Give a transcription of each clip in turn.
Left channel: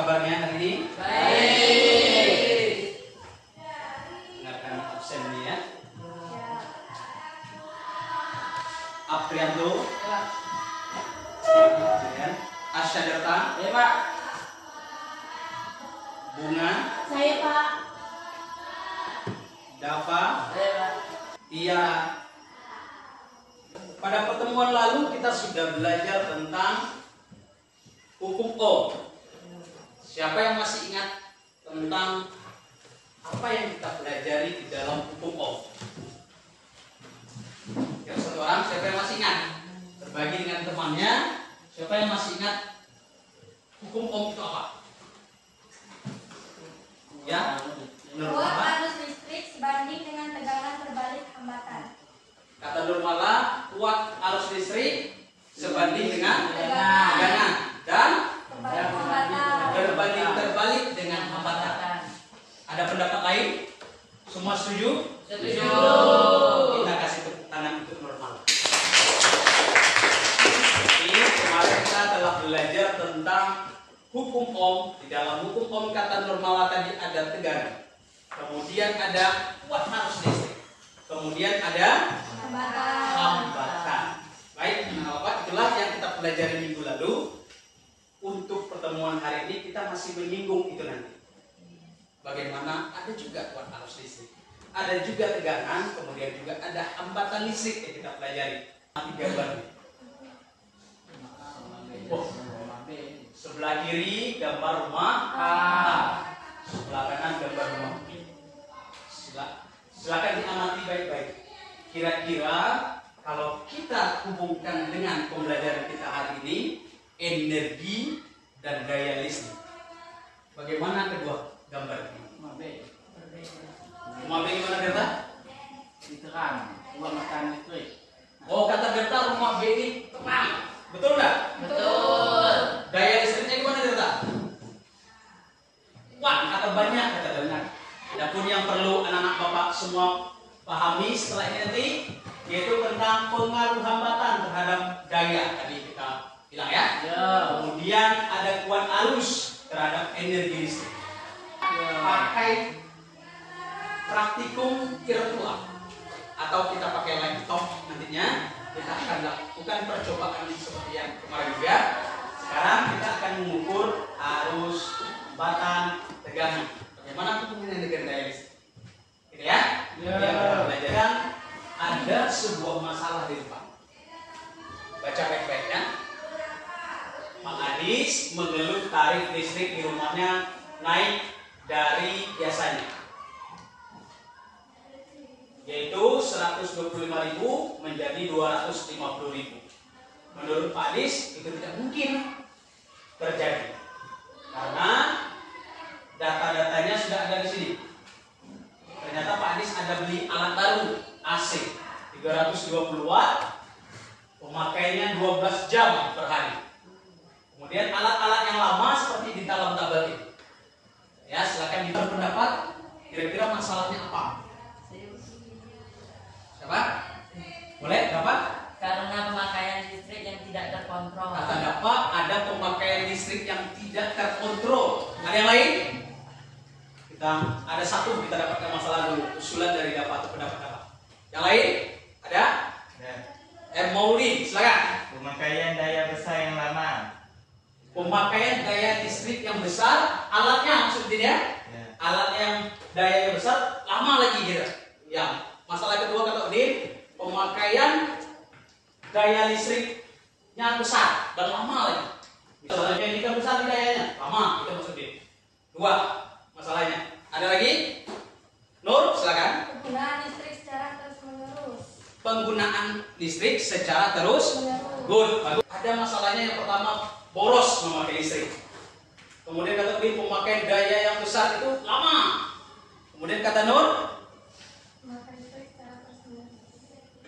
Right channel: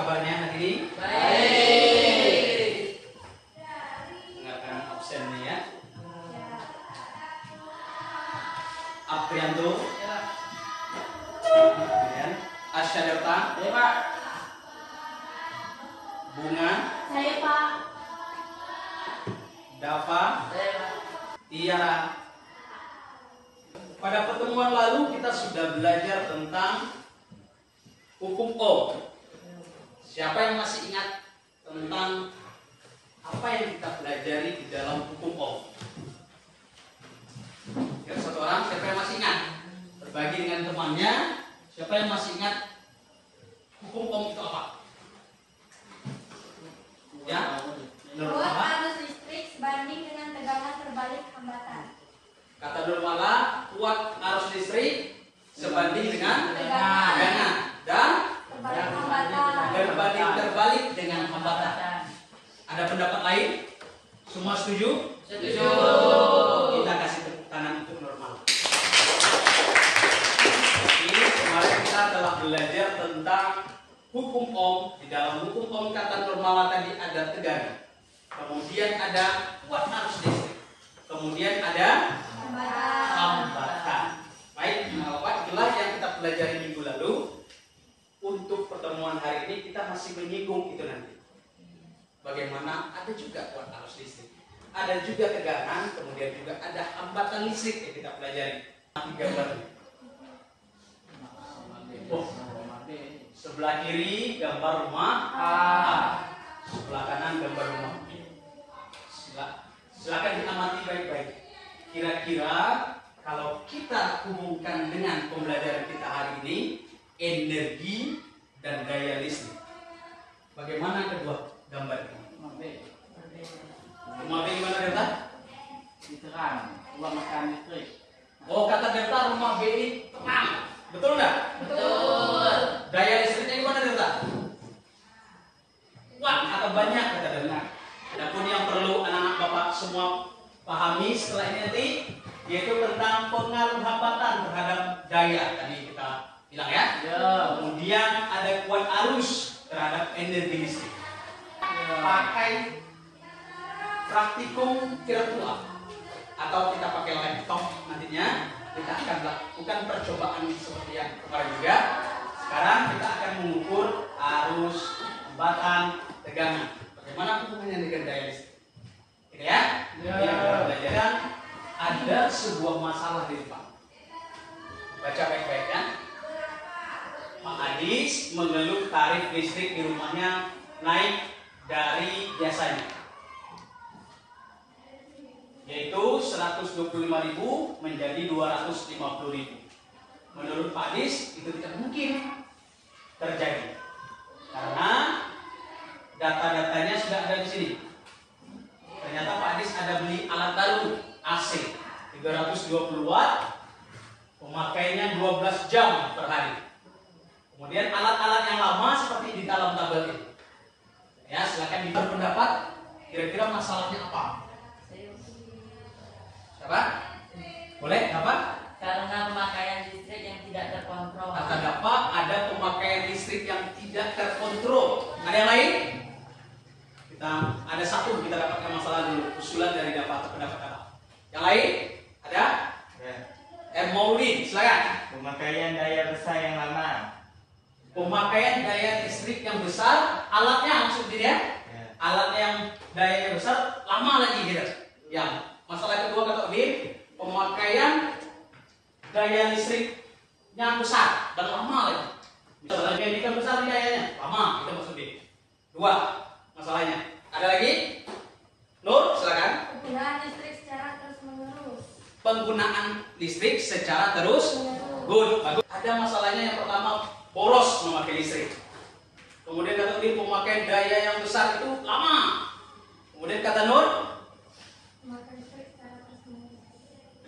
kabarnya hari ini? Baik. Ingatkan absen nih ya. Aprianto. Kemudian Asyadata. Ya, Pak. Bunga. Saya Pak. Dava. Ya, Pak. Tiara. Pada pertemuan lalu kita sudah belajar tentang hukum Ohm. Siapa yang masih ingat tentang apa yang kita pelajari di dalam hukum Ohm? Ya, satu orang, siapa yang masih ingat? Berbagi dengan temannya. Siapa yang masih ingat hukum Ohm itu apa? Ya, menurut Kuat apa? arus listrik sebanding dengan tegangan terbalik hambatan. Kata Nurmala, kuat arus listrik sebanding dengan Tegangan. tegangan dan Terbalik hambatan. berbanding terbalik dengan hambatan. Ada pendapat lain? Semua setuju? Setuju. Kita kasih tepuk tangan untuk Nurmala. Jadi kemarin kita telah belajar tentang hukum Ohm. Di dalam hukum Ohm kata Nurmala tadi ada tegangan. Kemudian ada kuat arus listrik. Kemudian ada Hambatan. hambatan. Baik, Bapak, itulah yang kita pelajari minggu lalu. Untuk pertemuan hari ini kita masih menyinggung itu nanti. Bagaimana ada juga kuat arus listrik, ada juga tegangan, kemudian juga ada hambatan listrik yang kita pelajari. Gambar. Oh, sebelah kiri gambar rumah A, sebelah kanan gambar rumah B. Silakan diamati baik-baik. Kira-kira kalau kita hubungkan dengan pembelajaran kita hari ini, energi dan daya listrik, bagaimana kedua gambar ini? Rumah B gimana, Berta? Diterang, uang makan listrik. Oh, kata Berta rumah B ini terang. Betul nggak? Betul. Daya listriknya gimana, Berta? Wah, kata banyak, kata benar. Adapun yang perlu anak-anak Bapak semua pahami setelah ini nanti, yaitu tentang pengaruh hambatan terhadap daya tadi kita bilang ya. Ya. Kemudian ada kuat arus terhadap energi listrik. Pakai praktikum virtual atau kita pakai laptop nantinya, kita akan lakukan percobaan seperti yang kemarin juga. Sekarang kita akan mengukur arus, hambatan, tegangan. Bagaimana hubungannya dengan daya listrik? Gitu ya? Ya. Yang kita belajar, ada sebuah masalah di depan. Baca baik-baik ya. Pak Adis mengeluh tarif listrik di rumahnya naik dari biasanya, yaitu 125.000 menjadi 250.000. Menurut Pak Adis itu tidak mungkin terjadi karena data-datanya sudah ada di sini. Ternyata Pak Adis ada beli alat baru AC 320 watt, pemakaiannya 12 jam per hari. Kemudian alat-alat yang lama seperti di dalam tabel ini. Ya, silakan berpendapat. Kira-kira masalahnya apa? Siapa? Boleh, dapat? Karena pemakaian listrik yang tidak terkontrol. Kata dapat ada pemakaian listrik yang tidak terkontrol. Ada yang lain? Kita ada satu kita dapatkan masalah dulu. Usulan dari dapat pendapat dapat. Yang lain? Ada? Ya. Maulid, silakan. Pemakaian daya besar yang lama. Pemakaian daya listrik yang besar, alatnya maksudnya ya? Ya. Alat yang dayanya besar lama lagi gitu. Yang masalah kedua kata Udin, pemakaian daya listriknya besar dan lama lagi. Misalnya jadikan besar dayanya, lama itu maksudnya. Dua masalahnya. Ada lagi? Nur, silakan. Penggunaan listrik secara terus-menerus. Penggunaan listrik secara terus. Menerus. Good, bagus. Ada masalahnya yang pertama, boros memakai listrik. Kemudian kata Udin, pemakaian daya yang besar itu lama. Kemudian kata Nur,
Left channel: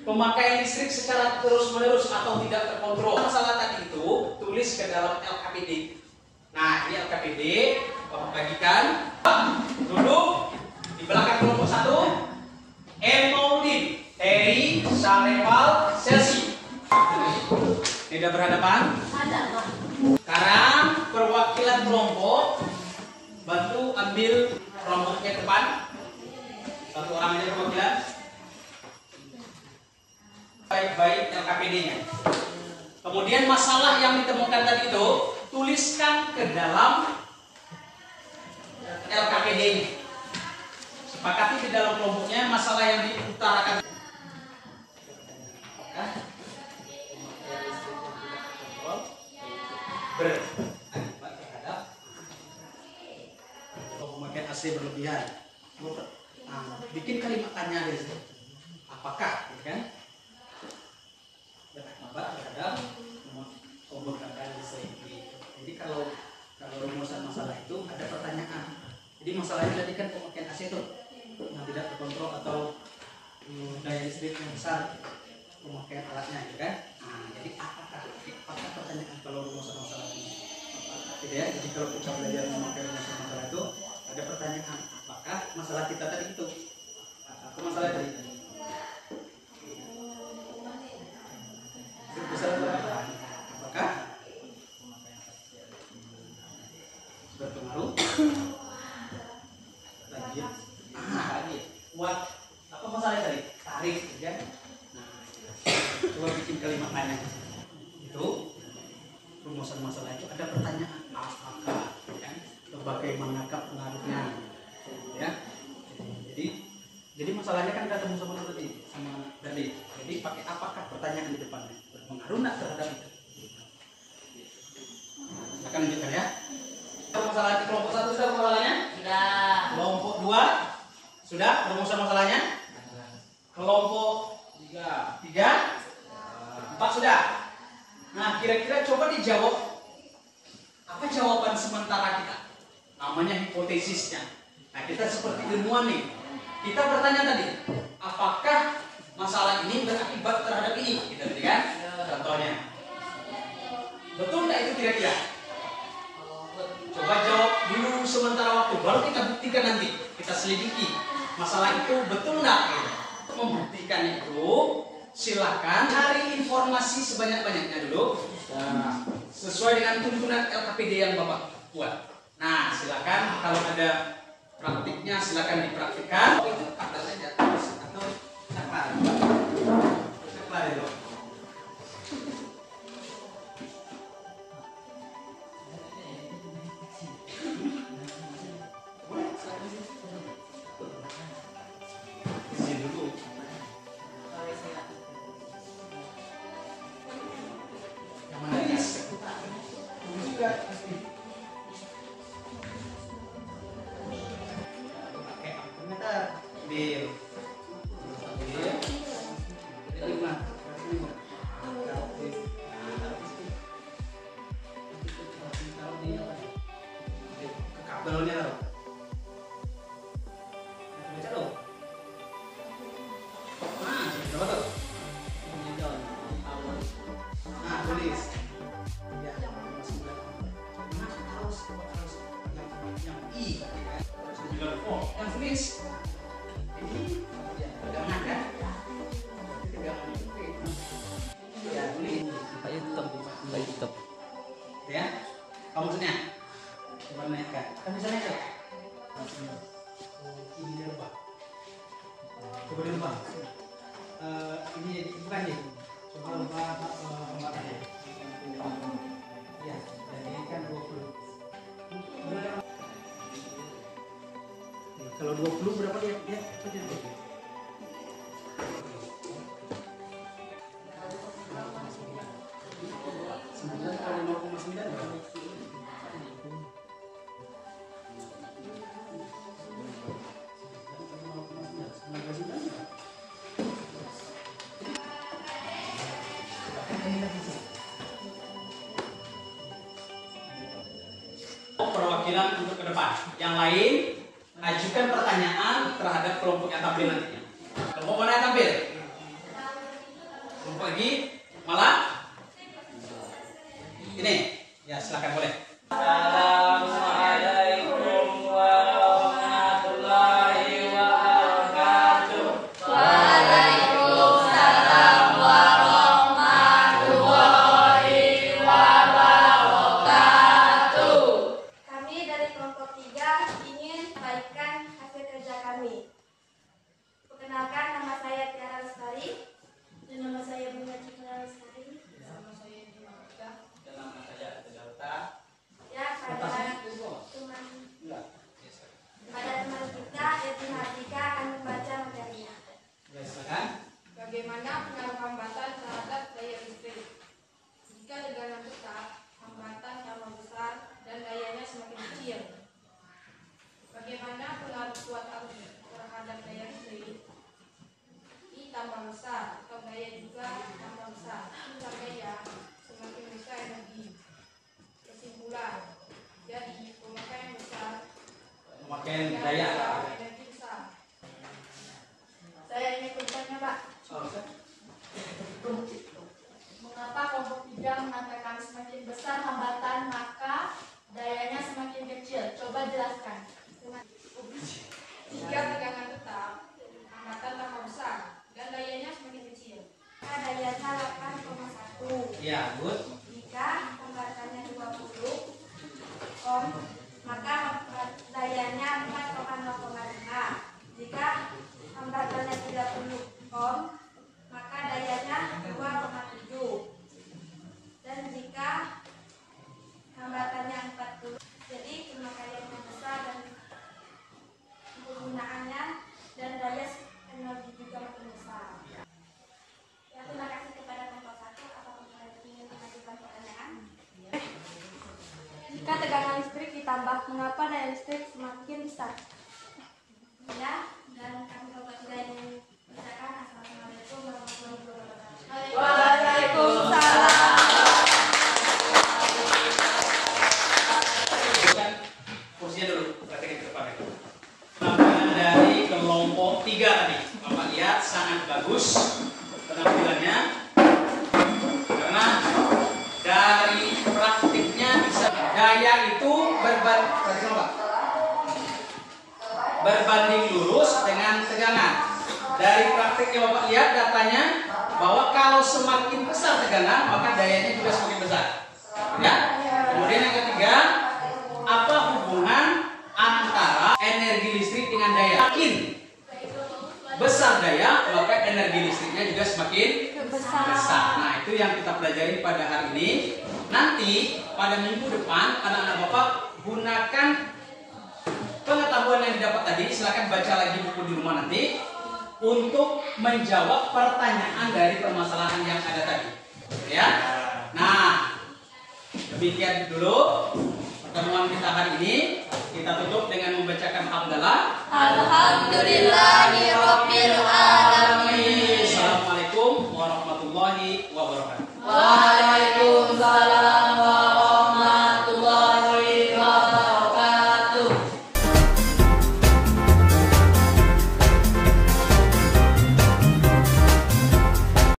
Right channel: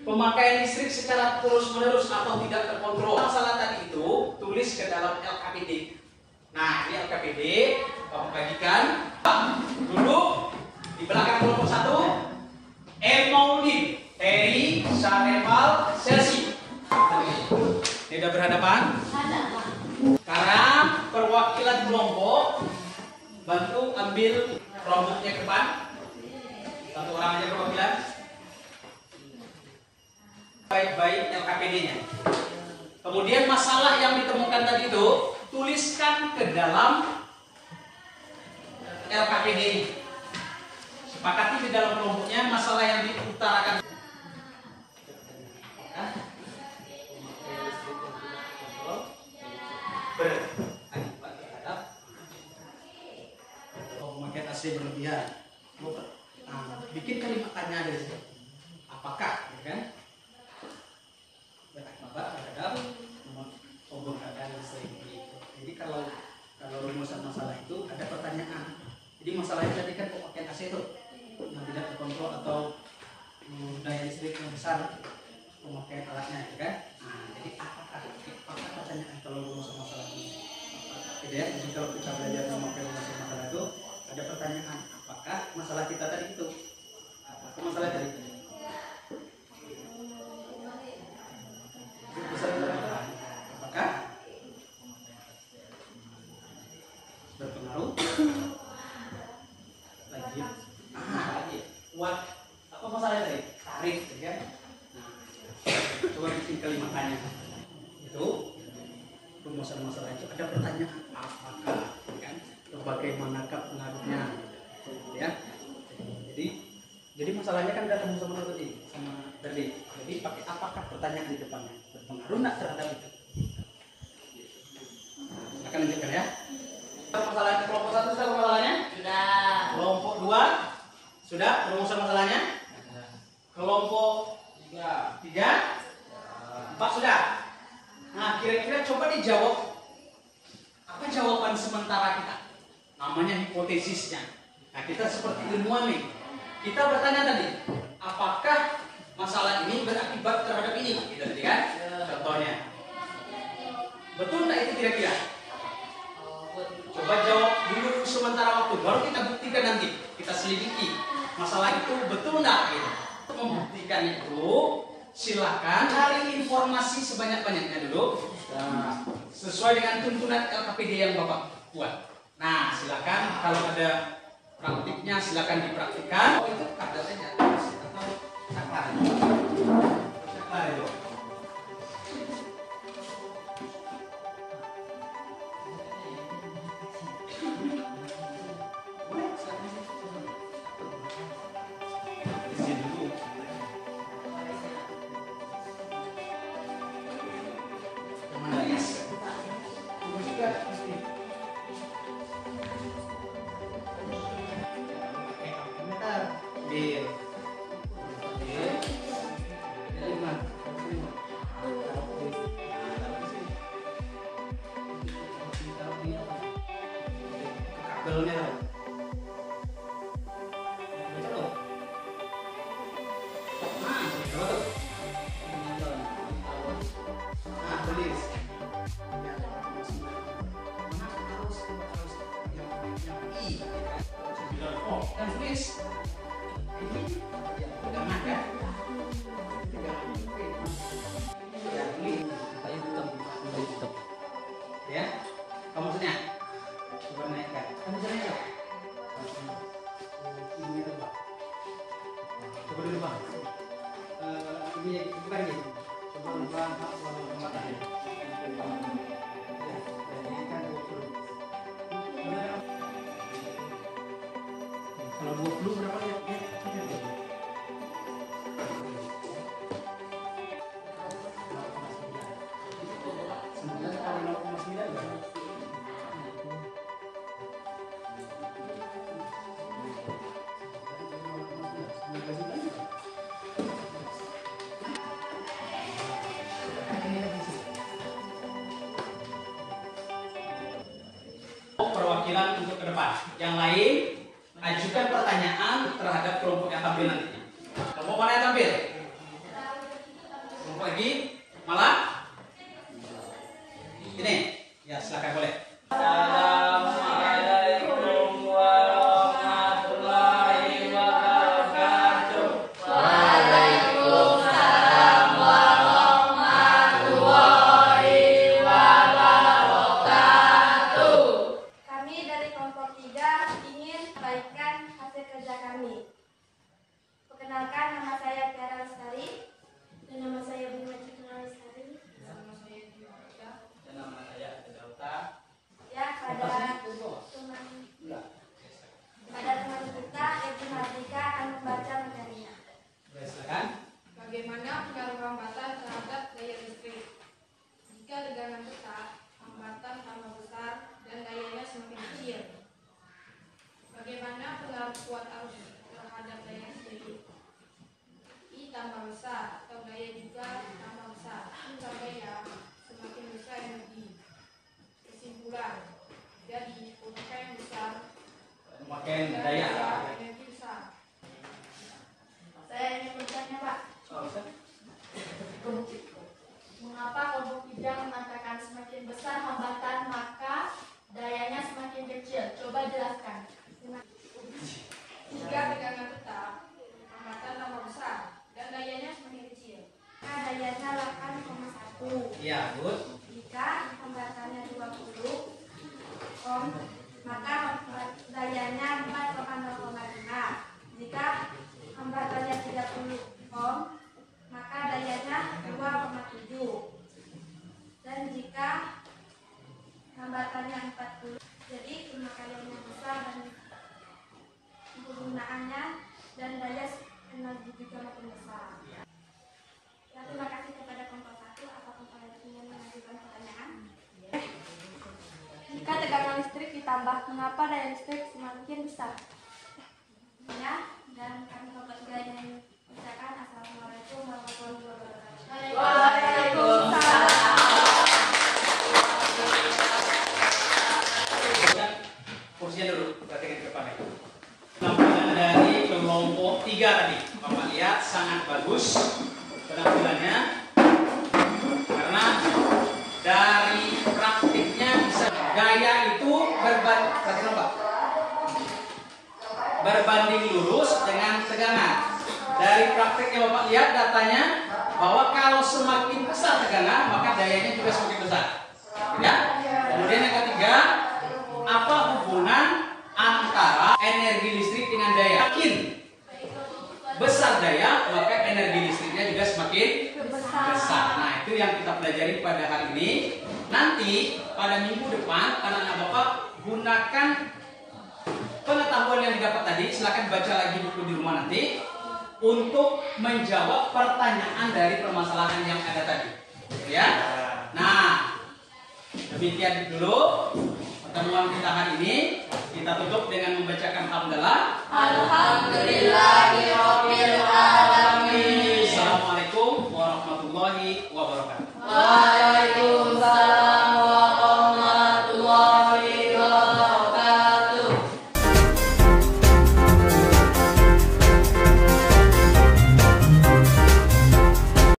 pemakaian listrik secara terus-menerus atau tidak terkontrol. Masalah tadi itu tulis ke dalam LKPD. Nah, ini LKPD, Bapak bagikan. Duduk di belakang kelompok 1. Maulid, Terry, Sareval, Selsi. Tidak berhadapan. Ada. Sekarang perwakilan kelompok Bantu ambil kelompoknya ke depan. Satu orang aja perwakilan. Baik-baik LKPD-nya. Kemudian masalah yang ditemukan tadi itu tuliskan ke dalam LKPD-nya. Sepakati di dalam kelompoknya masalah yang diutarakan. Berakibat terhadap pemakaian AC berlebihan. Bikin kalimat tanya dari situ. Apakah, gitu kan? Berakibat terhadap pemakaian listrik. Jadi kalau rumusan masalah itu ada pertanyaan. Jadi masalahnya tadi kan pemakaian AC itu yang tidak terkontrol atau daya listrik yang besar pemakaian alatnya, gitu kan? Jadi apakah pertanyaan kalau rumusan masalah ini? Gitu ya. Jadi kalau kita belajar memakai rumusan masalah itu ada pertanyaan, apakah masalah kita tadi itu? Apa masalah tadi? Besar berapa? Apakah berpengaruh? Lagi. Apa masalahnya tadi? Tarif, ya. Coba bikin kalimat tanya. Itu rumusan masalah itu ada pertanyaan apakah, kan? Bagaimanakah pengaruhnya, ya? Jadi masalahnya kan ada rumusan masalah tadi. Jadi pakai apakah pertanyaan di depannya berpengaruh nggak terhadap itu? Akan lanjutkan ya. Masalahnya kelompok 1 sudah masalahnya? Sudah. Kelompok 2 sudah rumusan masalahnya? Kelompok 3 4 sudah. Nah, kira-kira coba dijawab. Apa jawaban sementara kita? Namanya hipotesisnya. Nah, kita seperti ilmuwan nih. Kita bertanya tadi, apakah masalah ini berakibat terhadap ini? Gitu tadi kan? Contohnya. Betul nggak itu kira-kira? Coba jawab dulu sementara waktu, baru kita buktikan nanti. Kita selidiki masalah itu betul nggak? Gitu. Untuk membuktikan itu, silakan cari informasi sebanyak-banyaknya dulu. Sesuai dengan tuntunan LKPD yang Bapak buat. Nah, silakan kalau ada praktiknya silakan dipraktikkan. Itu ada saja atau saklar. Saklar itu. Belumnya tulis. Yang tulis. Ini ya, pegangan kan? Ya, tulis. Ya, apa maksudnya? Coba naikkan. Kan bisa naik kan? Ini rebah. Coba dulu bang. Ini bukan gitu. Coba bang matanya. Ya, jadi kan 20. Kalau 20 berapa ya? Perwakilan untuk ke depan. Yang lain ajukan pertanyaan terhadap kelompok yang tampil nantinya. Kelompok mana yang tampil? Kelompok lagi malah ini. Ya, silakan boleh. Assalamualaikum warahmatullahi wabarakatuh. Waalaikumsalam warahmatullahi wabarakatuh. Kami dari kelompok 3 besar atau gaya juga tambah besar. Besar gaya semakin besar energi. Kesimpulan, jadi pemakaian besar Pemakaian dan daya. besar, energi besar. Saya ingin bertanya, Pak. Mengapa kelompok bidang mengatakan semakin besar hambatan maka dayanya semakin kecil? Coba jelaskan. Jika tegangan tetap, hambatan tambah besar dan dayanya semakin kecil. Maka dayanya 8,1. Ya, good. Jika hambatannya 20 ohm, maka dayanya 4,0,5. Jika hambatannya 30 ohm, maka dayanya 2,7. Dan jika hambatannya 40, jadi pemakaiannya besar dan penggunaannya dan daya energi juga makin besar. Ya, terima kasih kepada kelompok 1. Apakah kalian ingin mengajukan pertanyaan? Jika tegangan listrik ditambah, mengapa daya listrik semakin besar? Ya, dan kami kelompok 3 yang mengucapkan assalamualaikum warahmatullahi wabarakatuh. Waalaikumsalam. Kursinya dulu, perhatikan ke depannya. Penampilan dari kelompok 3 tadi, Bapak lihat sangat bagus penampilannya, karena dari praktiknya bisa daya itu berbanding lurus dengan tegangan. Dari praktiknya Bapak lihat datanya bahwa kalau semakin besar tegangan maka dayanya juga semakin besar. Ya. Kemudian yang ketiga, apa hubungan antara energi listrik dengan daya? Semakin besar daya, maka energi listriknya juga semakin besar. Nah, itu yang kita pelajari pada hari ini. Nanti pada minggu depan, anak-anak Bapak gunakan pengetahuan yang didapat tadi. Silakan baca lagi buku di rumah nanti untuk menjawab pertanyaan dari permasalahan yang ada tadi. Ya. Nah, demikian dulu pertemuan kita hari ini. Kita tutup dengan membacakan hamdalah. Alhamdulillahirabbil alamin. Assalamualaikum warahmatullahi wabarakatuh. Waalaikumsalam.